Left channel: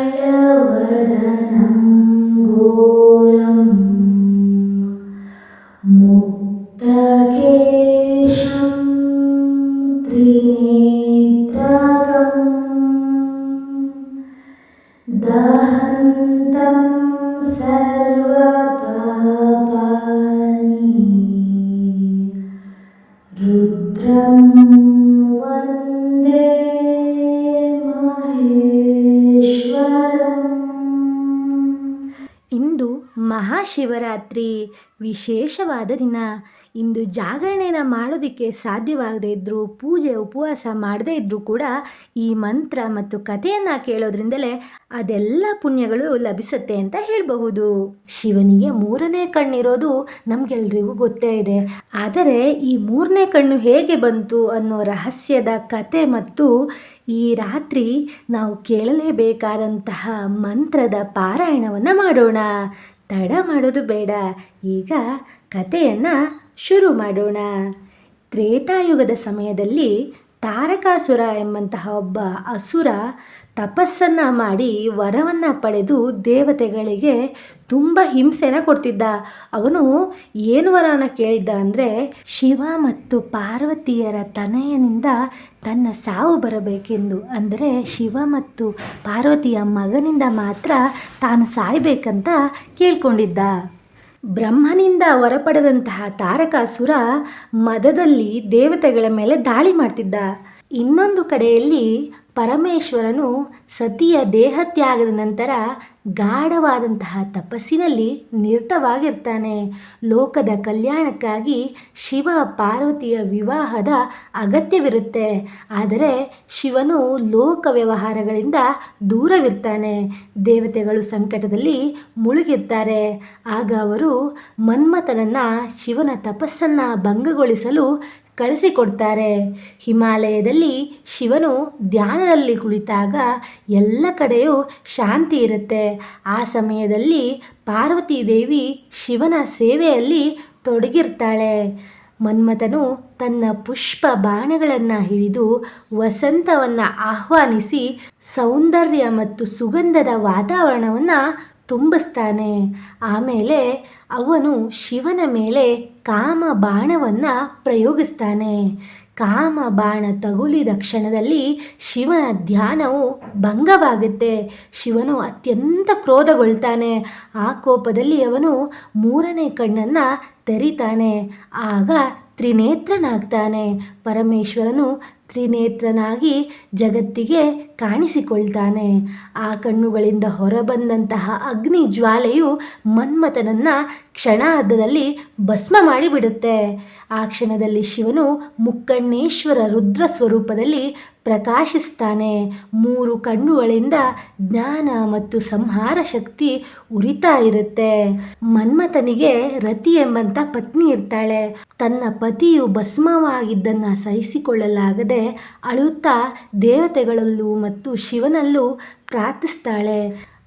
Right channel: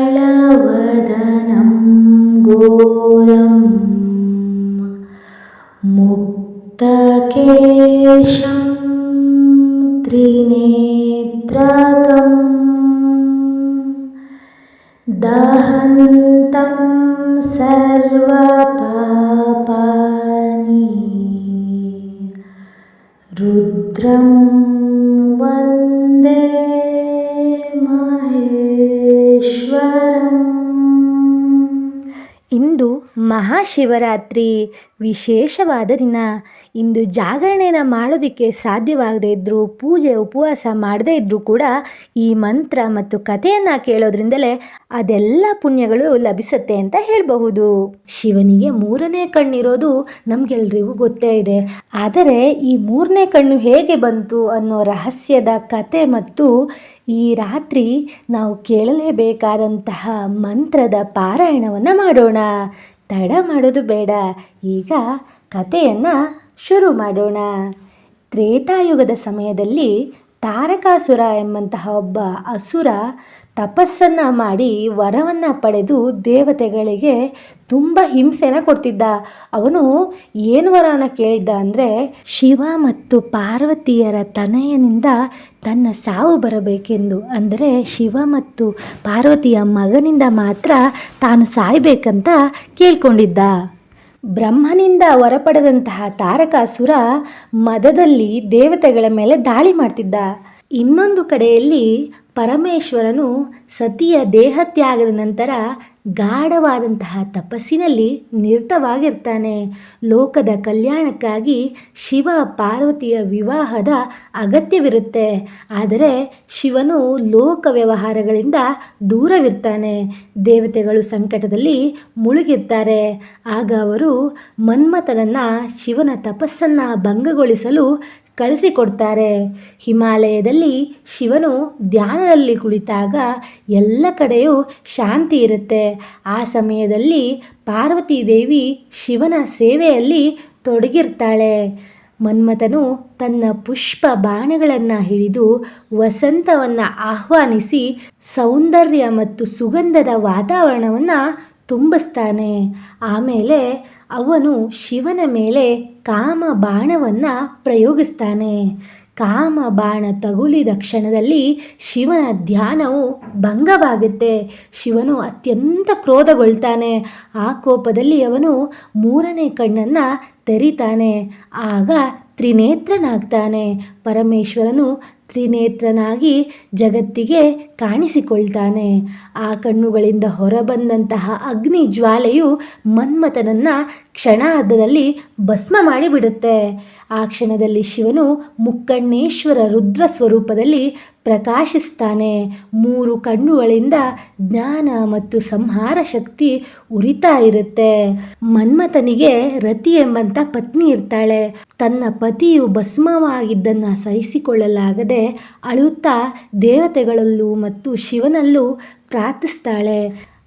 कराळवदनं घोरं मुक्तकेशं त्रिनेत्रकं दहन्तं सर्वपापानि रुद्रं वन्दे ಮಹೇಶ್ವರಂ. ಇಂದು ಮಹಾಶಿವರಾತ್ರಿ ವಿಶೇಷವಾದ ದಿನ. ಇಂದು ಜಾಗರಣೆನ ಮಾಡೋದಕ್ಕೆ ಸಾಧ್ಯವಾಗದೇ ಇದ್ದರೂ, ಪೂಜೆ ಉಪವಾಸ ಮಾಡದೇ ಇದ್ದರೂ ಕೂಡ ಈ ಮಂತ್ರ ಮತ್ತು ಕಥೆಯನ್ನು ಕೇಳೋದ್ರಿಂದಲೇ ಅದೆಲ್ಲ ಪುಣ್ಯಗಳು ಲಭಿಸುತ್ತೆ ಅಂತ ಹೇಳಬಹುದು. ಶಿವನಿಗೆ ಮೂರನೇ ಕಣ್ಣಿರೋದು ನಮಗೆಲ್ರಿಗೂ ಗೊತ್ತೇ ಇದೆ. ಆದರೆ ಈ ಮೂರನೇ ಕಣ್ಣು ಹೇಗೆ ಬಂತು ಅನ್ನೋ ರಹಸ್ಯದ ಕತೆ ಮತ್ತು ಈ ರಾತ್ರಿ ನಾವು ಕೇಳಲೇಬೇಕಾದಂತಹ ಮಂತ್ರದ ಪಾರಾಯಣವನ್ನು ಮಾಡೋಣ. ತಡ ಮಾಡೋದು ಬೇಡ, ಈಗ ಕಥೆಯನ್ನು ಶುರು ಮಾಡೋಣ. ತ್ರೇತಾಯುಗದ ಸಮಯದಲ್ಲಿ ತಾರಕಾಸುರ ಎಂಬಂತಹ ಒಬ್ಬ ಅಸುರ ತಪಸ್ಸನ್ನು ಮಾಡಿ ವರವನ್ನು ಪಡೆದು ದೇವತೆಗಳಿಗೆ ತುಂಬ ಹಿಂಸೆನ ಕೊಡ್ತಿದ್ದ. ಅವನು ಏನು ವರನ ಕೇಳಿದ್ದ ಅಂದರೆ, ಶಿವ ಮತ್ತು ಪಾರ್ವತಿಯರ ತನಯನಿಂದ ತನ್ನ ಸಾವು ಬರಬೇಕೆಂದು. ಅಂದರೆ ಶಿವ ಮತ್ತು ಪಾರ್ವತಿಯ ಮಗನಿಂದ ಮಾತ್ರ ತಾನು ಸಾಯಬೇಕಂತ ಕೇಳ್ಕೊಂಡಿದ್ದ. ಬ್ರಹ್ಮನಿಂದ ವರ ಪಡೆದಂತಹ ತಾರಕಾಸುರ ಮದದಲ್ಲಿ ದೇವತೆಗಳ ಮೇಲೆ ದಾಳಿ ಮಾಡ್ತಿದ್ದ. ಇನ್ನೊಂದು ಕಡೆಯಲ್ಲಿ ಪರಮೇಶ್ವರನು ಸತಿಯ ದೇಹತ್ಯಾಗದ ನಂತರ ಗಾಢವಾದಂತಹ ತಪಸ್ಸಿನಲ್ಲಿ ನಿರತವಾಗಿರ್ತಾನೆ. ಲೋಕದ ಕಲ್ಯಾಣಕ್ಕಾಗಿ ಶಿವ ಪಾರ್ವತಿಯ ವಿವಾಹದ ಅಗತ್ಯವಿರುತ್ತೆ. ಆದರೆ ಶಿವನು ಲೋಕ ವ್ಯವಹಾರಗಳಿಂದ ದೂರವಿರ್ತಾನೆ. ದೇವತೆಗಳು ಸಂಕಟದಲ್ಲಿ ಮುಳುಗಿರ್ತಾರೆ. ಆಗ ಅವರು ಮನ್ಮಥನನ್ನು ಶಿವನ ತಪಸ್ಸನ್ನು ಭಂಗಗೊಳಿಸಲು ಕಳಿಸಿಕೊಡ್ತಾರೆ. ಹಿಮಾಲಯದಲ್ಲಿ ಶಿವನು ಧ್ಯಾನದಲ್ಲಿ ಕುಳಿತಾಗ ಎಲ್ಲ ಕಡೆಯೂ ಶಾಂತಿ ಇರುತ್ತೆ. ಆ ಸಮಯದಲ್ಲಿ ಪಾರ್ವತಿ ದೇವಿ ಶಿವನ ಸೇವೆಯಲ್ಲಿ ತೊಡಗಿರ್ತಾಳೆ. ಮನ್ಮಥನು ತನ್ನ ಪುಷ್ಪ ಬಾಣಗಳನ್ನು ಹಿಡಿದು ವಸಂತವನ್ನು ಆಹ್ವಾನಿಸಿ ಸೌಂದರ್ಯ ಮತ್ತು ಸುಗಂಧದ ವಾತಾವರಣವನ್ನು ತುಂಬಿಸ್ತಾನೆ. ಆಮೇಲೆ ಅವನು ಶಿವನ ಮೇಲೆ ಕಾಮ ಬಾಣವನ್ನು ಪ್ರಯೋಗಿಸ್ತಾನೆ. ಕಾಮ ಬಾಣ ತಗುಲಿದ ಕ್ಷಣದಲ್ಲಿ ಶಿವನ ಧ್ಯಾನವು ಭಂಗವಾಗುತ್ತೆ. ಶಿವನು ಅತ್ಯಂತ ಕ್ರೋಧಗೊಳ್ತಾನೆ. ಆ ಕೋಪದಲ್ಲಿ ಅವನು ಮೂರನೇ ಕಣ್ಣನ್ನು ತೆರಿತಾನೆ. ಆಗ ತ್ರಿನೇತ್ರನಾಗ್ತಾನೆ. ಪರಮೇಶ್ವರನು ತ್ರಿನೇತ್ರನಾಗಿ ಜಗತ್ತಿಗೆ ಕಾಣಿಸಿಕೊಳ್ತಾನೆ. ಆ ಕಣ್ಣುಗಳಿಂದ ಹೊರಬಂದಂತಹ ಅಗ್ನಿ ಜ್ವಾಲೆಯು ಮನ್ಮಥನನ್ನು ಕ್ಷಣಾರ್ಧದಲ್ಲಿ ಭಸ್ಮ ಮಾಡಿಬಿಡುತ್ತೆ. ಆ ಕ್ಷಣದಲ್ಲಿ ಶಿವನು ಮುಕ್ಕಣ್ಣೇಶ್ವರ ರುದ್ರ ಸ್ವರೂಪದಲ್ಲಿ ಪ್ರಕಾಶಿಸ್ತಾನೆ. ಮೂರು ಕಣ್ಣುಗಳಿಂದ ಜ್ಞಾನ ಮತ್ತು ಸಂಹಾರ ಶಕ್ತಿ ಉರಿತಾ ಇರುತ್ತೆ. ಮನ್ಮಥನಿಗೆ ರತಿ ಎಂಬಂಥ ಪತ್ನಿ ಇರ್ತಾಳೆ. ತನ್ನ ಪತಿಯು ಭಸ್ಮವಾಗಿದ್ದನ್ನು ಸಹಿಸಿಕೊಳ್ಳಲಾಗದೆ ಅಳುತ್ತಾ ದೇವತೆಗಳಲ್ಲೂ ಮತ್ತು ಶಿವನಲ್ಲೂ ಪ್ರಾರ್ಥಿಸ್ತಾಳೆ.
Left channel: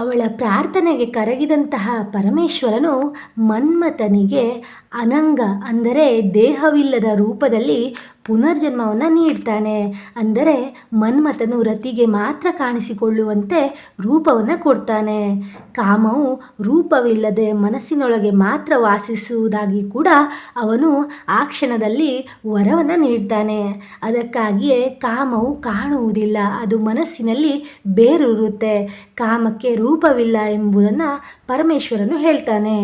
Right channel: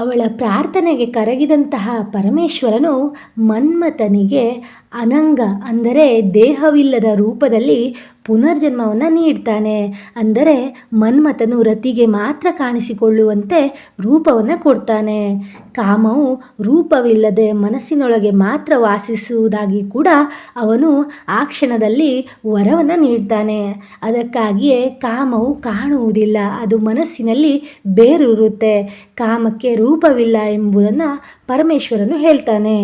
ಅವಳ ಪ್ರಾರ್ಥನೆಗೆ ಕರಗಿದಂತಹ ಪರಮೇಶ್ವರನು ಮನ್ಮಥನಿಗೆ ಅನಂಗ ಅಂದರೆ ದೇಹವಿಲ್ಲದ ರೂಪದಲ್ಲಿ ಪುನರ್ಜನ್ಮವನ್ನು ನೀಡ್ತಾನೆ. ಅಂದರೆ ಮನ್ಮಥನು ರತಿಗೆ ಮಾತ್ರ ಕಾಣಿಸಿಕೊಳ್ಳುವಂತೆ ರೂಪವನ್ನು ಕೊಡ್ತಾನೆ. ಕಾಮವು ರೂಪವಿಲ್ಲದೆ ಮನಸ್ಸಿನೊಳಗೆ ಮಾತ್ರ ವಾಸಿಸುವುದಾಗಿ ಕೂಡ ಅವನು ಆ ಕ್ಷಣದಲ್ಲಿ ವರವನ್ನು ನೀಡ್ತಾನೆ. ಅದಕ್ಕಾಗಿಯೇ ಕಾಮವು ಕಾಣುವುದಿಲ್ಲ, ಅದು ಮನಸ್ಸಿನಲ್ಲಿ ಬೇರೂರುತ್ತೆ. ಕಾಮಕ್ಕೆ ರೂಪವಿಲ್ಲ ಎಂಬುದನ್ನು ಪರಮೇಶ್ವರನು ಹೇಳ್ತಾನೆ.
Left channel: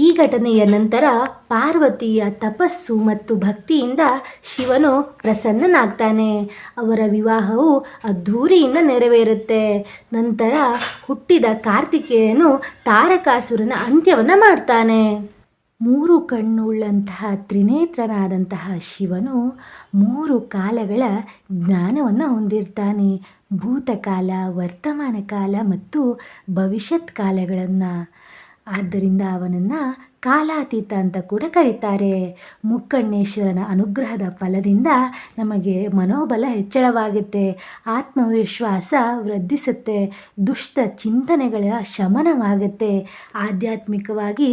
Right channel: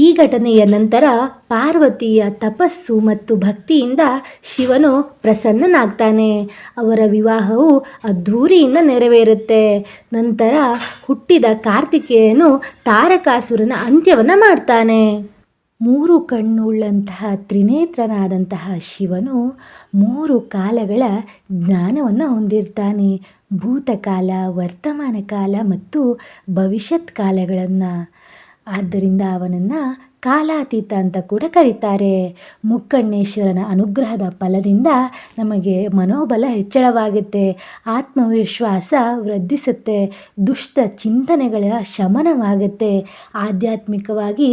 ಈ ಘಟನೆಯ ನಂತರ ಪಾರ್ವತಿಯ ತಪಸ್ಸು ಮತ್ತು ಭಕ್ತಿಯಿಂದ ಶಿವನು ಪ್ರಸನ್ನನಾಗ್ತಾನೆ. ಅವರ ವಿವಾಹವು ಅದ್ಧೂರಿಯಿಂದ ನೆರವೇರುತ್ತೆ. ನಂತರ ಹುಟ್ಟಿದ ಕಾರ್ತಿಕೇಯನು ತಾರಕಾಸುರನ ಅಂತ್ಯವನ್ನು ಮಾಡ್ತಾನೆ. ಮೂರು ಕಣ್ಣುಳ್ಳಂತಹ ತ್ರಿನೇತ್ರನಾದಂತಹ ಶಿವನು 3 ಕಾಲಗಳ ಜ್ಞಾನವನ್ನು ಹೊಂದಿರ್ತಾನೆ. ಭೂತಕಾಲ, ವರ್ತಮಾನ ಕಾಲ ಮತ್ತು ಭವಿಷ್ಯತ್ ಕಾಲಗಳನ್ನು. ಆದ್ದರಿಂದ ಅವನನ್ನು ಕಾಲಾತೀತ ಅಂತ ಕೂಡ ಕರೀತಾರೆ. ಮುಕ್ಕಣ್ಣೇಶ್ವರನ ಅನುಗ್ರಹದ ಫಲದಿಂದ ನಮಗೆ ಮನೋಬಲ ಹೆಚ್ಚಳವಾಗುತ್ತೆ, ಆತ್ಮವಿಶ್ವಾಸ ವೃದ್ಧಿಸುತ್ತೆ, ದುಷ್ಟ ಚಿಂತನೆಗಳ ಶಮನವಾಗುತ್ತೆ, ಆಧ್ಯಾತ್ಮಿಕವಾಗಿ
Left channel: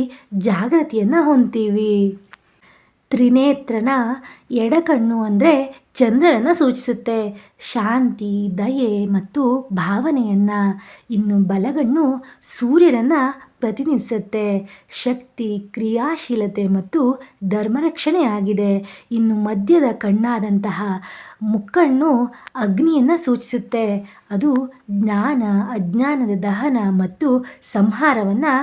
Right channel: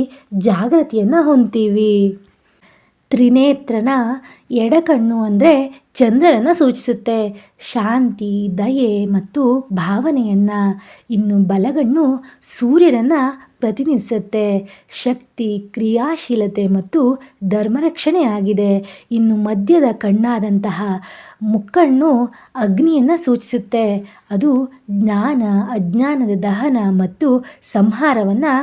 ಜಾಗೃತಿಯನ್ನು ಹೊಂದ್ತೀವಿ. ತ್ರಿನೇತ್ರನ ಎಡಕಣ್ಣು ಅಂದರೆ ಚಂದ್ರನನ್ನು ಸೂಚಿಸುತ್ತೆ, ಶಾಂತಿ, ದಯೆ ಮತ್ತು ಭಾವನೆಯನ್ನು. ಇನ್ನು ಬಲಗಣ್ಣು ಸೂರ್ಯನನ್ನು ಪ್ರತಿನಿಧಿಸುತ್ತೆ, ಶಕ್ತಿ, ಕ್ರಿಯಾಶೀಲತೆ ಮತ್ತು ಧರ್ಮರಕ್ಷಣೆಯಾಗಿದೆ. ಇನ್ನು ಮಧ್ಯದ ಕಣ್ಣಾದಂತಹ ಮುಕ್ಕಣ್ಣು ಅಗ್ನಿಯನ್ನು ಸೂಚಿಸುತ್ತೆ, ಅದು ಜ್ಞಾನ, ಅಜ್ಞಾನದ ದಹನ ಮತ್ತು ಸಂಹಾರವನ್ನು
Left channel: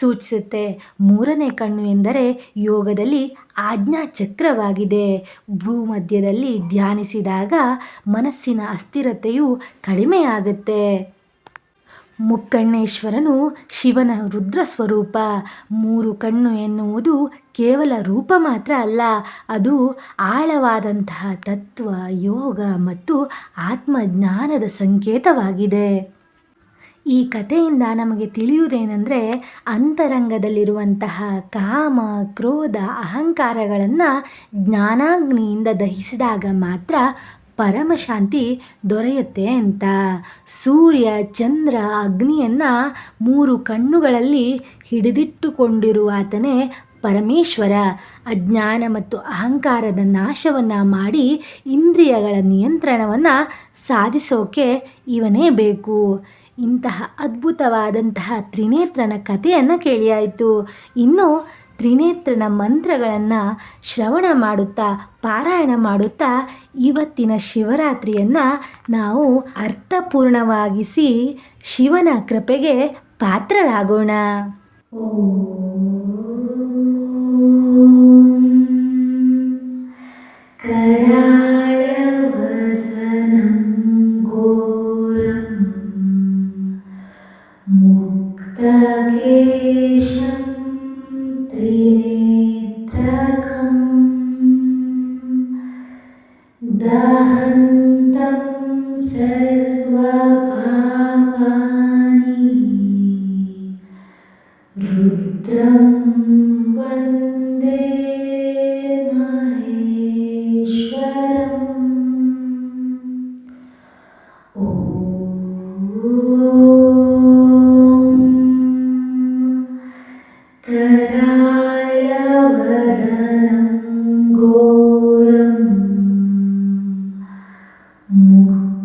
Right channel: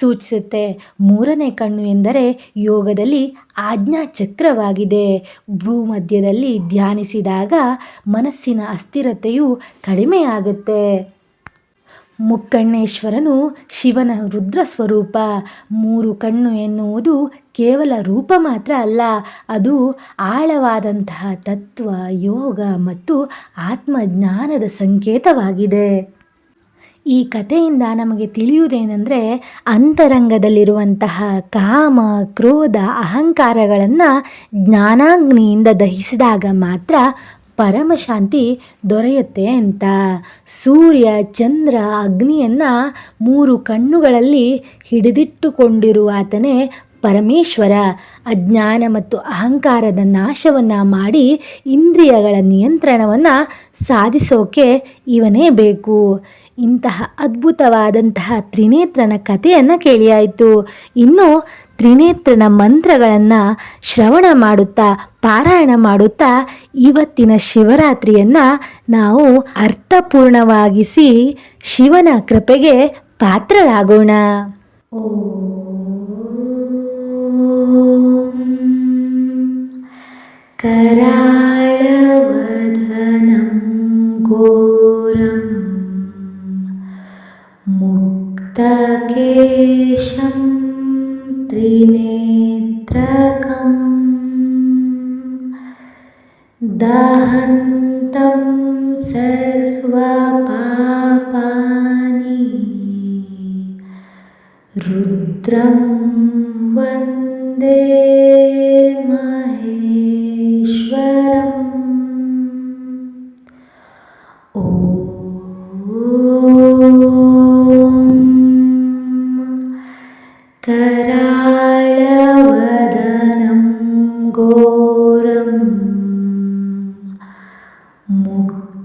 ಸೂಚಿಸುತ್ತೆ. ಮೂರನೇ ಕಣ್ಣು ಎಂದರೆ ಯೋಗದಲ್ಲಿ ಆಜ್ಞಾ ಚಕ್ರವಾಗಿದೆ. ಭೂಮಧ್ಯದಲ್ಲಿ ಧ್ಯಾನಿಸಿದಾಗ ಮನಸ್ಸಿನ ಅಸ್ಥಿರತೆಯು ಕಡಿಮೆಯಾಗುತ್ತೆ. ಮುಕ್ಕಣ್ಣೇಶ್ವರನು ಶಿವನ ರುದ್ರ ಸ್ವರೂಪ. ಮೂರು ಕಣ್ಣು ಎನ್ನುವುದು ಕೇವಲ ರೂಪ ಮಾತ್ರ ಅಲ್ಲ, ಅದು ಆಳವಾದಂತಹ ತತ್ವ, ಯೋಗ ಮತ್ತು ಆತ್ಮಜ್ಞಾನದ ಸಂಕೇತವಾಗಿದೆ. ಈ ಕಥೆಯಿಂದ ನಮಗೆ ತಿಳಿಯುವುದೇನೆಂದರೆ, ಅಂತರಂಗದಲ್ಲಿರುವಂತಹ ಕಾಮ, ಕ್ರೋಧ, ಅಹಂಕಾರಗಳನ್ನು ಜ್ಞಾನಾಗ್ನಿಯಿಂದ ದಹಿಸಿದಾಗ ಮಾತ್ರ ಪರಮಶಾಂತಿ ದೊರೆಯುತ್ತೆ ಅಂತ. ಸೂರ್ಯ, ಚಂದ್ರ, ಅಗ್ನಿಯನ್ನು ಮೂರು ಕಣ್ಣುಗಳಲ್ಲಿ ಹಿಡಿದಿಟ್ಟುಕೊಂಡಿರುವಾತನೇ ಪರಮೇಶ್ವರ. ಅಜ್ಞಾನ ಮತ್ತು ಅಹಂಕಾರದ ನಾಶವನ್ನು ಮಾಡಿ ಇಂದ್ರಿಯಗಳ ನಿಯಂತ್ರಣವನ್ನು ಸಾಧಿಸೋಕೆ ಇವನೇ ಬೇಕು. ಇಂತಹ ಅದ್ಭುತವಾದಂತಹ ತ್ರಿನೇತ್ರನ ಕಥೆಯನ್ನು ಕೇಳಿಯಾಯಿತು. ಇನ್ನು ತ್ರಿನೇತ್ರನ ಮಂತ್ರಗಳನ್ನು ಶ್ರವಣ ಮಾಡುತ್ತಾ, ಪಾರಾಯಣ ಮಾಡುತ್ತಾ ಇವತ್ತಿನ ಶಿವರಾತ್ರಿಯನ್ನು ನಾವು ಅರ್ಥಪೂರ್ಣವಾಗಿಸಿ ಶಿವನ ಕೃಪೆಗೆ ಪಾತ್ರರಾಗೋಣ. ಕರಾಳವದನಂ ಘೋರಂ ಮುಕ್ತಕೇಶಂ ತ್ರಿನೇತ್ರಕಂ ದಹಂತಂ ಸರ್ವಪಾಪಾನಿ ರುದ್ರಂ ವಂದೇ ಮಹೇಶ್ವರಂ. ಕರಾಳವದನಂ ಘೋರಂ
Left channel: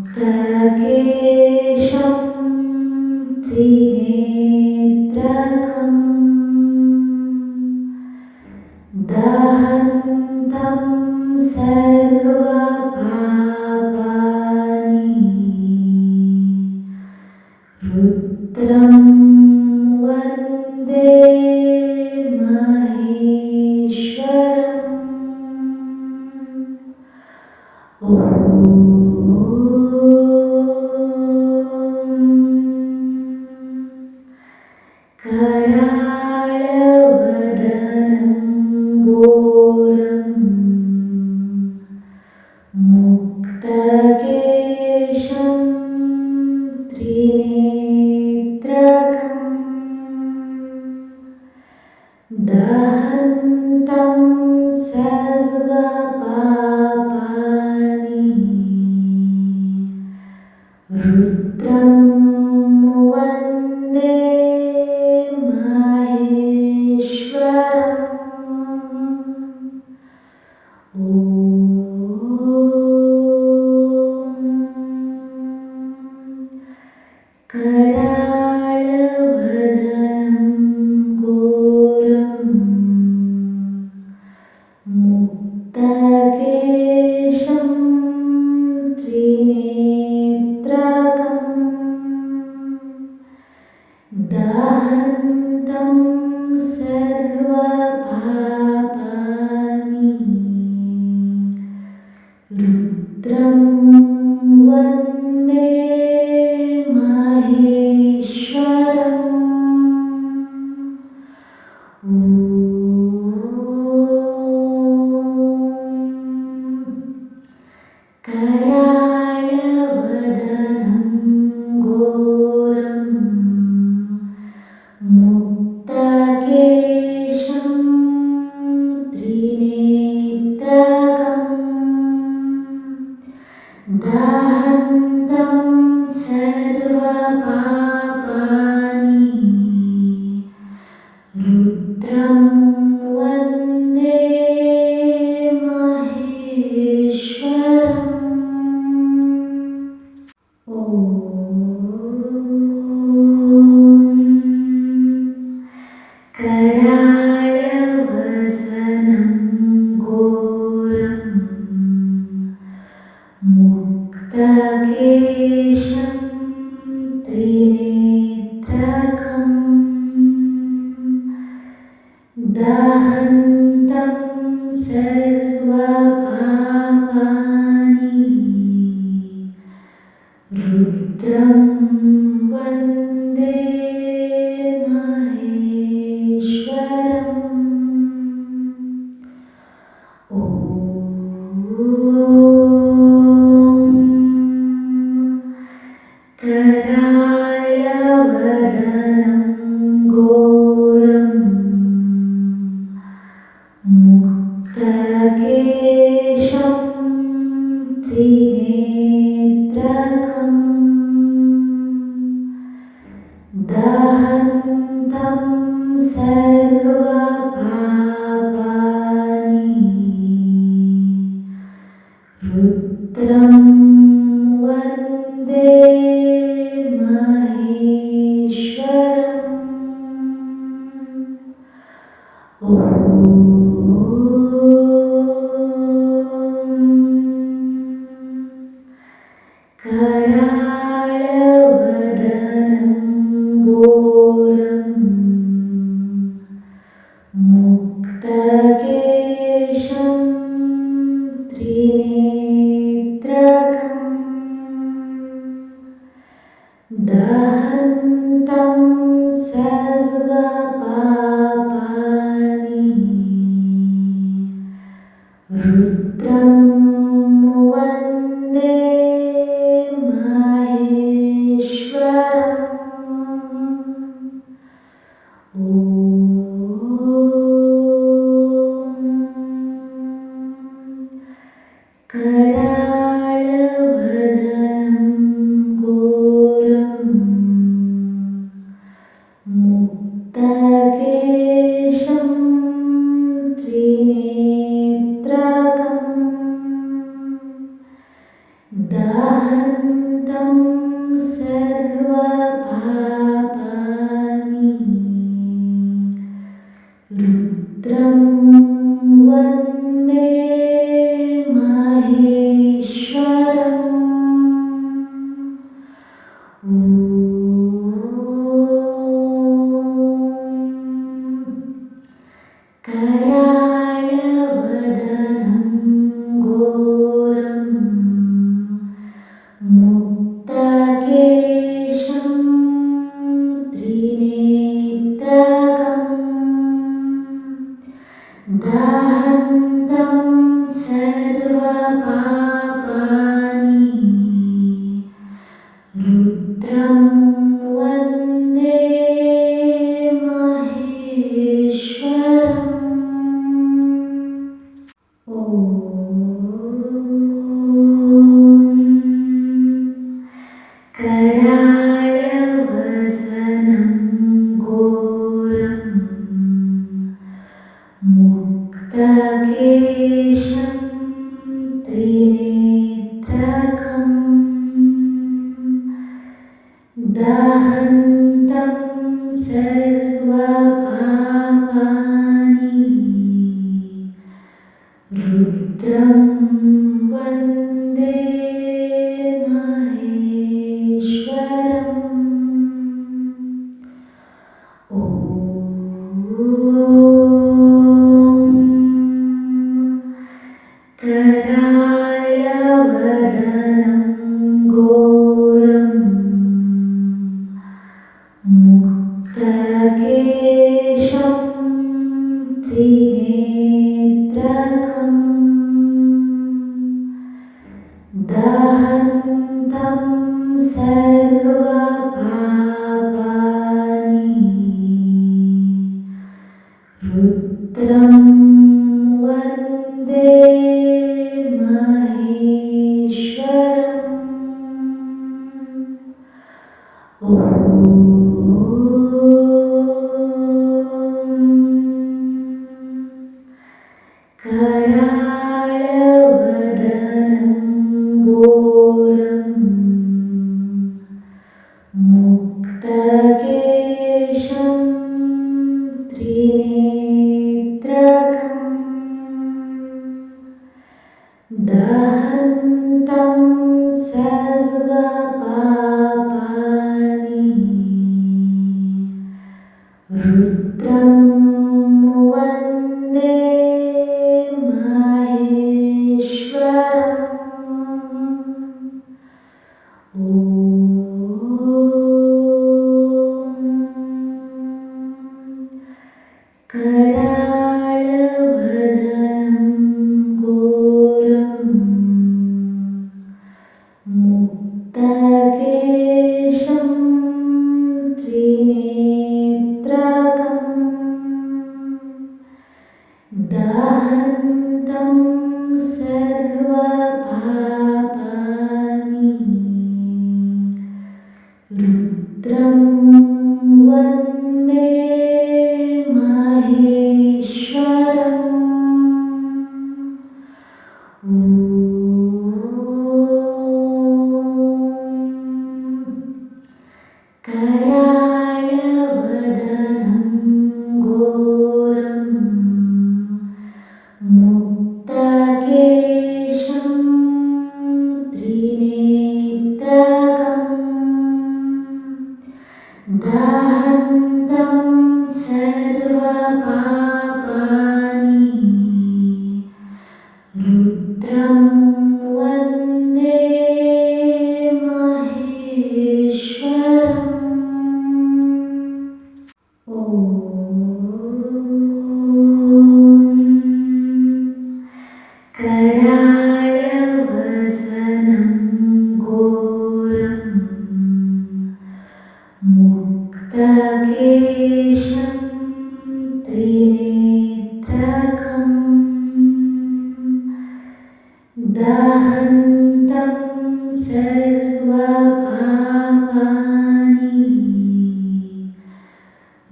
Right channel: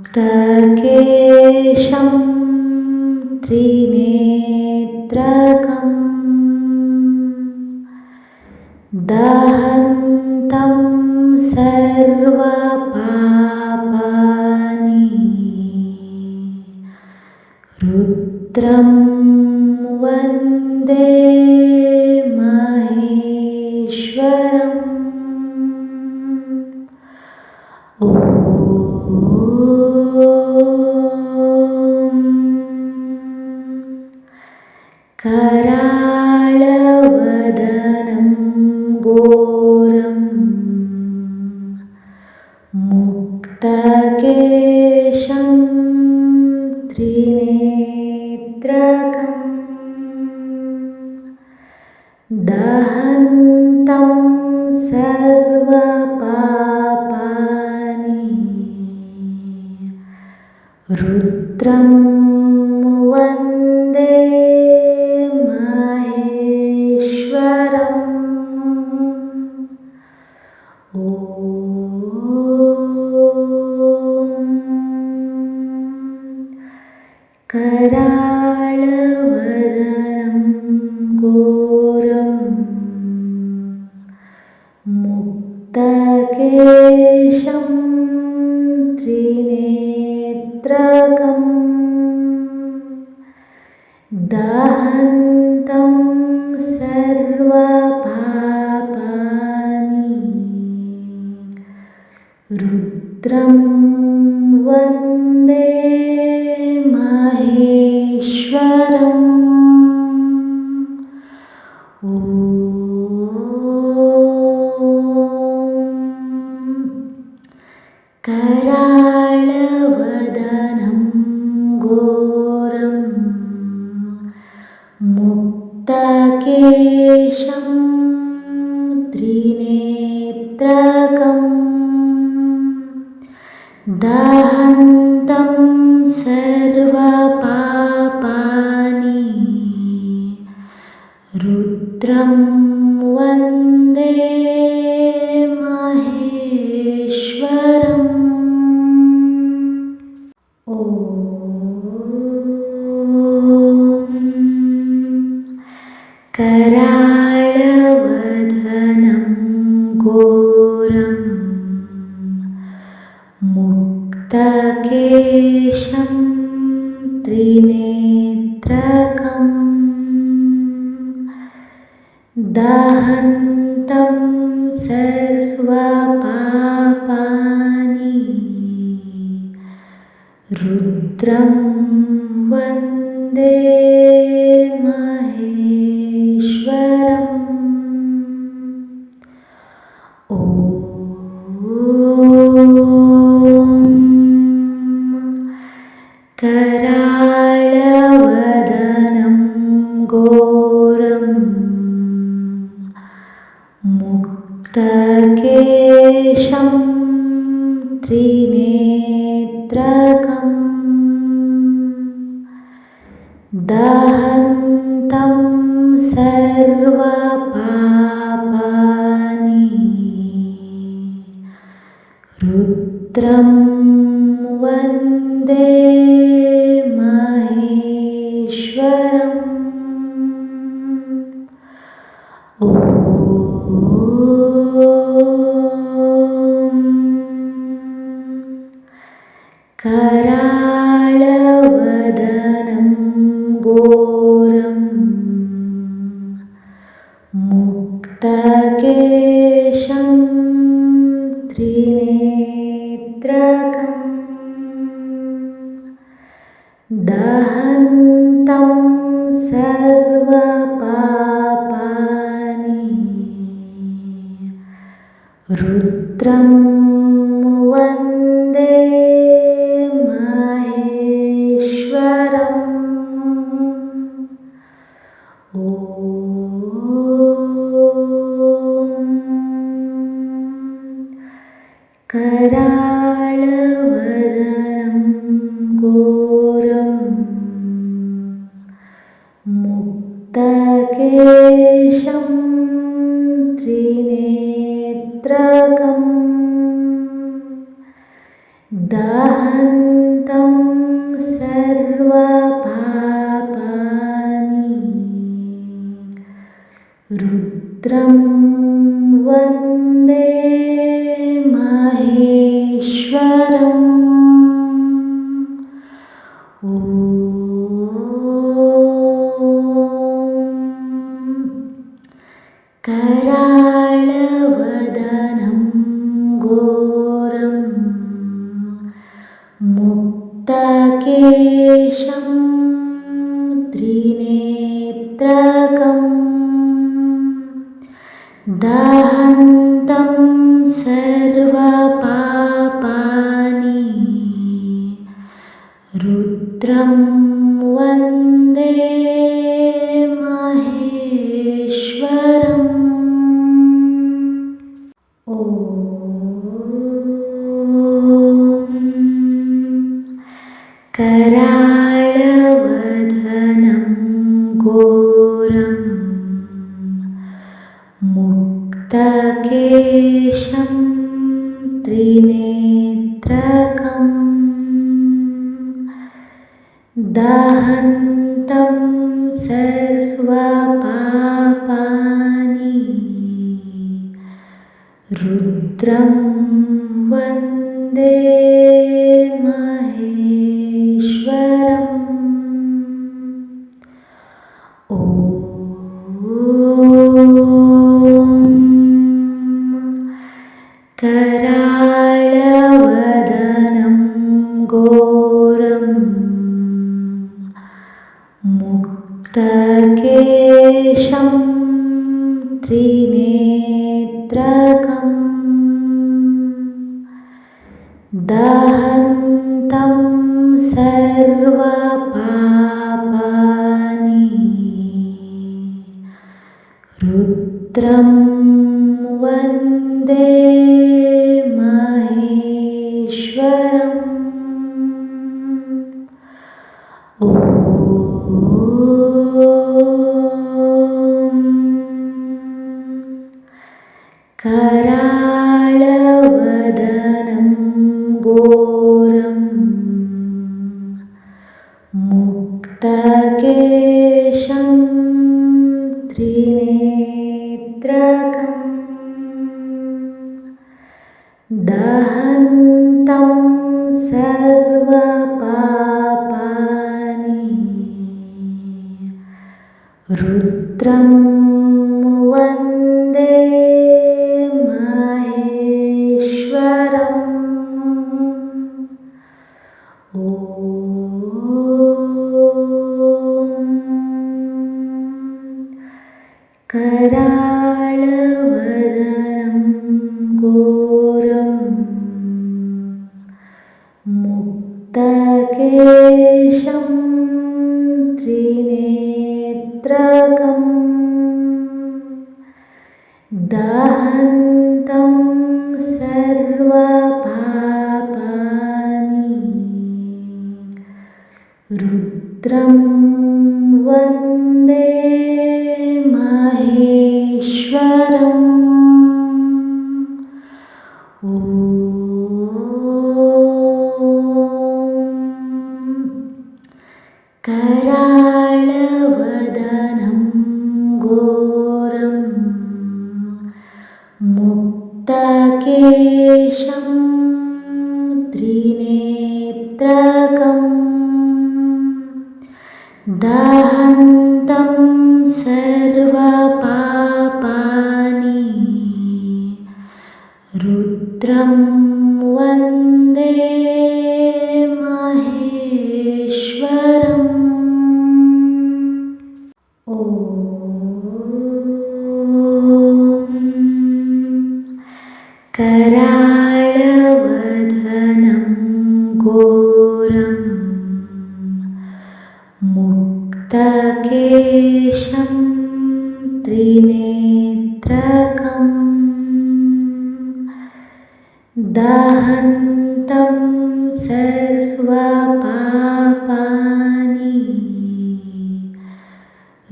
ಮುಕ್ತಕೇಶಂ ತ್ರಿನೇತ್ರಕಂ ದಹಂತಂ ಸರ್ವಪಾಪಾನಿ ರುದ್ರಂ ವಂದೇ ಮಹೇಶ್ವರಂ. ಕರಾಳವದನಂ ಘೋರಂ ಮುಕ್ತಕೇಶಂ ತ್ರಿನೇತ್ರಕಂ ದಹಂತಂ ಸರ್ವಪಾಪಾನಿ ರುದ್ರಂ ವಂದೇ ಮಹೇಶ್ವರಂ. ಕರಾಳವದನಂ ಘೋರಂ ಮುಕ್ತಕೇಶಂ ತ್ರಿನೇತ್ರಕಂ ದಹಂತಂ ಸರ್ವಪಾಪಾನಿ ರುದ್ರಂ ವಂದೇ ಮಹೇಶ್ವರಂ. ಕರಾಳವದನಂ ಘೋರಂ ಮುಕ್ತಕೇಶಂ ತ್ರಿನೇತ್ರಕಂ ದಹಂತಂ ಸರ್ವಪಾಪಾನಿ ರುದ್ರಂ ವಂದೇ रुद्रं वन्दे महेश्वरम्। ॐ कराळवदनं घोरं मुक्तकेशं त्रिनेत्रकं दहन्तं सर्वपापानि रुद्रं वन्दे महेश्वरम्। ॐ कराळवदनं घोरं मुक्तकेशं त्रिनेत्रकं दहन्तं सर्वपापानि रुद्रं वन्दे महेश्वरम्। ॐ कराळवदनं घोरं मुक्तकेशं त्रिनेत्रकं दहन्तं सर्वपापानि रुद्रं वन्दे महेश्वरम्। ॐ कराळवदनं घोरं मुक्तकेशं त्रिनेत्रकं दहन्तं सर्वपापानि रुद्रं वन्दे महेश्वरम्। ॐ कराळवदनं घोरं मुक्तकेशं त्रिनेत्रकं दहन्तं सर्वपापानि रुद्रं वन्दे महेश्वरम्। ॐ कराळवदनं घोरं मुक्तकेशं त्रिनेत्रकं दहन्तं सर्वपापानि रुद्रं वन्दे महेश्वरम्। ॐ कराळवदनं घोरं मुक्तकेशं त्रिनेत्रकं दहन्तं सर्वपापानि रुद्रं वन्दे महेश्वरम्। कराळवदनं घोरं मुक्तकेशं त्रिनेत्रकं दहन्तं सर्वपापानि रुद्रं वन्दे महेश्वरम्। ॐ कराळवदनं घोरं मुक्तकेशं त्रिनेत्रकं दहन्तं सर्वपापानि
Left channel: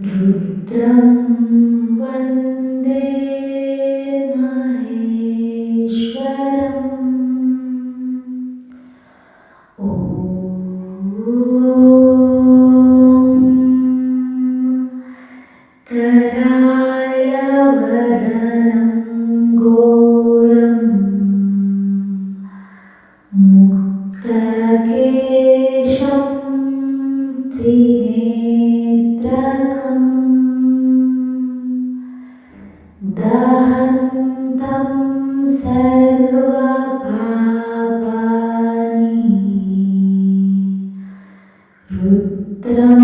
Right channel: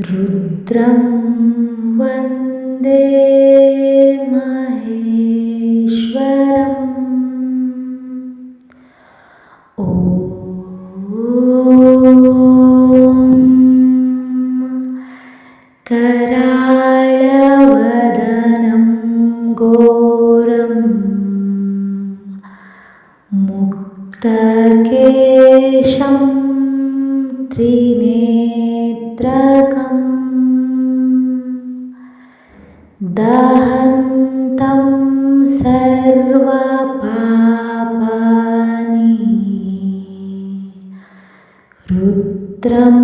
रुद्रं वन्दे महेश्वरम्। ॐ कराळवदनं घोरं मुक्तकेशं त्रिनेत्रकं दहन्तं सर्वपापानि रुद्रं